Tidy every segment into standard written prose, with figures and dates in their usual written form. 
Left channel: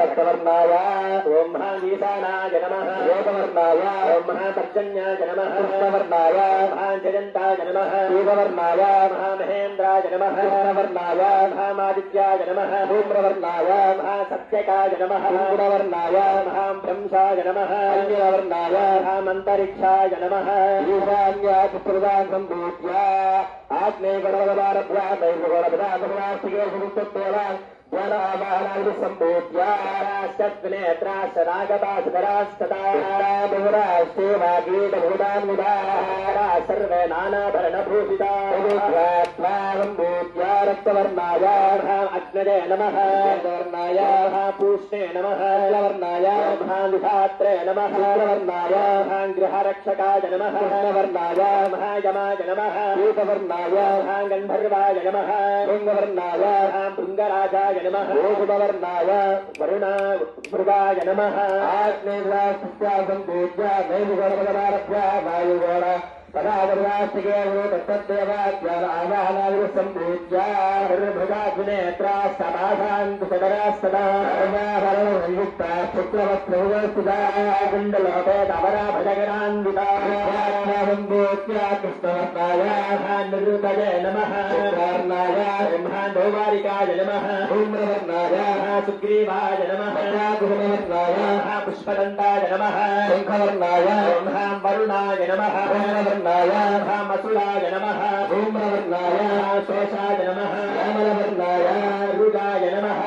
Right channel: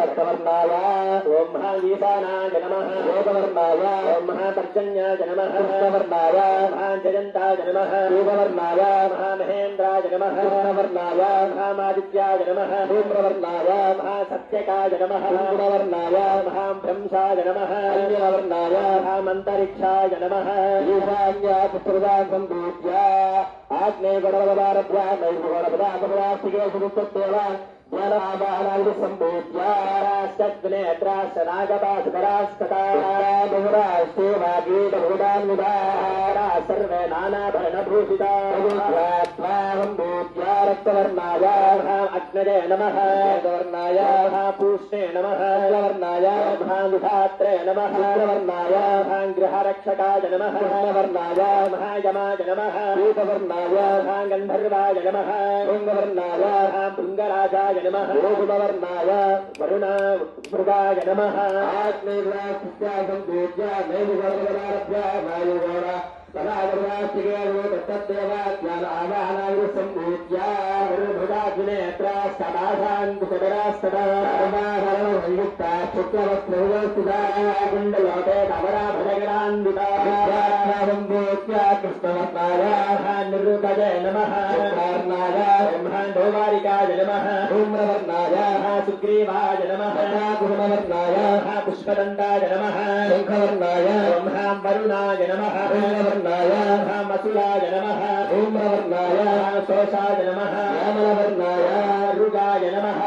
रक्तवर्णाय ओं महागीतानाय नमः योगवर्णाय ओं महापर्जन्याय नमः कृष्णवर्णाय महाजयन्ताय नमः योगवर्णाय महामहेन्द्राय नमः कृष्णवर्णाय महामादित्याय नमः धूम्रवर्णाय महासत्यकाय नमः गुणवर्णाय महाब्रह्मसाय नमः अग्निवर्णाय महामन्तरिक्षाय नमः ईशान्याय चतुर्वाङ्गम्भूत्या आग्नेयगणवदारभ्या नैर्गणवदागमनास्तिके सुरुत्तत्तेवा सर्वे नानाभरणभूषितारक्तवर्णाय अग्नये नमः वर्णाय पूष्णे नमः वर्णाय विधात्रे नमः वर्णाय गृहरक्षकाय नमः वर्णाय महायमाय नमः रूपवर्णाय गन्धर्वाय नमः लिङ्गवर्णाय भृङ्गराजाय नमः गुणवर्णाय वरुणाय नमः आग्नेयसंपूज्य नैवगणवदारभ्य वायुगण तदागर्वास्तिके तत्तदेवाज्ञानावाहनाविसंपूज्य निर्भुजाग्नेत्रास्तदाशान्तुसदरास्तदा संयुक्ता शुक्लवस्त्रहुवस्थिता कुण्डलोपेतवराभजगणान्विता कृष्णवर्णाय निरुतये नमः धोवारिकाय नमः धूम्रवर्णाय सुग्रीवाय नमः गुणवर्णाय पुष्पदन्ताय नमः शङ्खवर्णाय वरुणाय नमः मसुराय नमः धूम्रवर्णाय शोषाय नमः रामलवर्णाय रुगाय नमः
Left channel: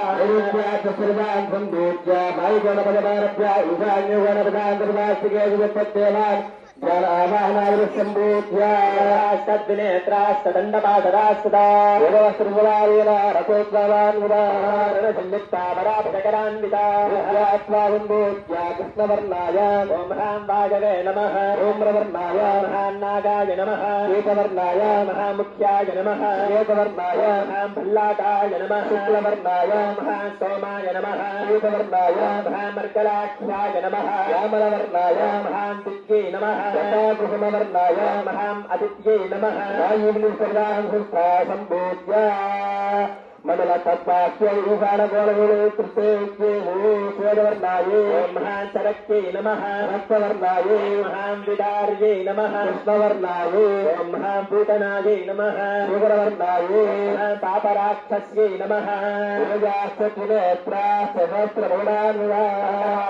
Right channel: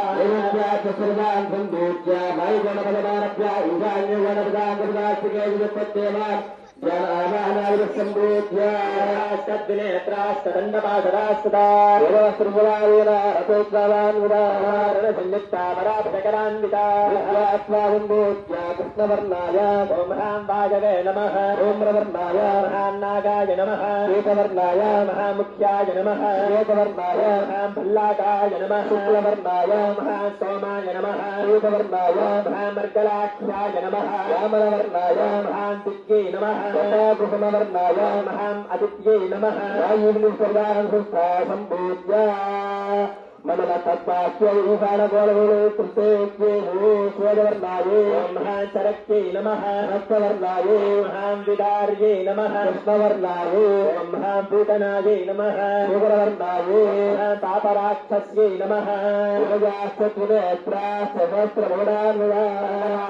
सर्वान् सन्दूत्य वायुगणपदारभ्य ईशान्यगणपदान्तर्वास्तिके विभक्तेवा कृष्णवर्णाय वाजवे नमः धूम्रवर्णाय नागाय नमः एकवर्णाय महामुख्याय नमः एकवर्णाय भल्लाकाय नमः शुक्लवर्णाय महासोमाय नमः एकवर्णाय महामर्कलाख्याय नमः रामलवर्णाय महादित्यै नमः गुणवर्णाय महाम् आदित्यै नमः वायुर्निसर्गानुसंपूज्य मण्डल तत्पाक्ष्यै ईशानगोलगोले कृष्णेश्वरवर्णाय महाचरक्यै नमः रक्तवर्णाय महाविदार्यै नमः कृष्णवर्णाय महाभूतनायै नमः योगवर्णाय तापराक्षस्यै नमः सहस्रगौडान्विता